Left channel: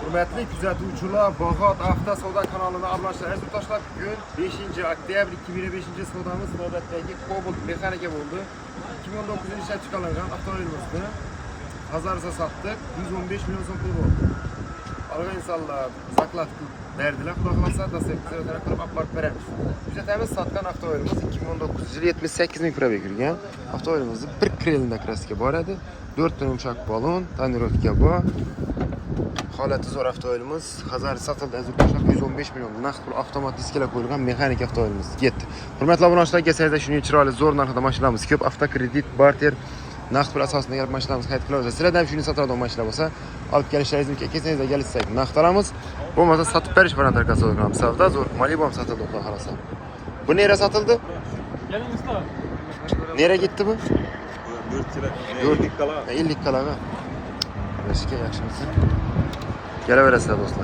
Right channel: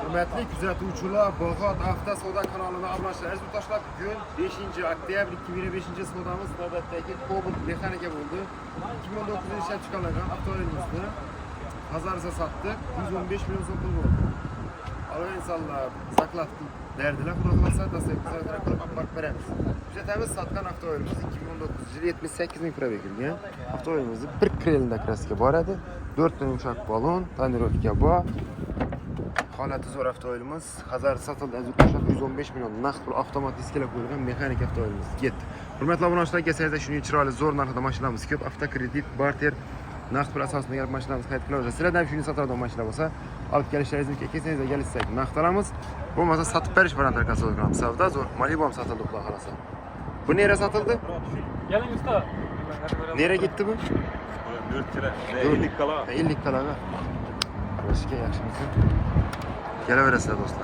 Hürmetli kuzatuvchilar, Bog'ot Avto Savdo kanalına abunachlar, aziz yurtdoshlar, bugun 5 oktyabr 2025 savdomiz navbatdagi Cobalt mexanika bo'ldi. 2019 yilda ishlab chiqarilgan avtomobilimizni Hazarsa sattık. 115 milyon so'm pul bo'ldi. Algan insonlar zaklad berdilar. Xudo xolasa dastlabki qilib olib borib beramiz. Hujjatimiz satgan avtomobilimiz 2019 yil 78 ming probeg yurgan. Avtomobilimizni bir krelda kraska bor edi. 4 ta yumshoq balon, tonirovka bor. Holati zo'r avtomobilimiz. Hazar satildi aziz yurtdoshlar, 115 milyon naqd pul avtomat diskalar qo'yilgan mexanik avtomobilimiz ketdi. Hurmatli obunachilar, kelsangiz shunday chiroyli zo'r narxda mashinamiz ko'p. Avtokredit, barter, naqd pul asosida kelib mashinamiz xarid qilaverasiz. Sizlarda ham shunday sotadigan mashina bo'lsa, olib kelishlaringiz mumkin. Kelsangiz kelishsak naqd olamiz. Bo'lmasa sotib berish bilan tarqasa qilamiz. Savdo zo'r. Malibu ham sotildi, xudo xolasa. Bu nera sotildi? Geling usta. Nera ketdi bu? 4 kala. 50 kalaga. Yaxshi, yaxshimisiz? Kelaverasizlar do'stlar.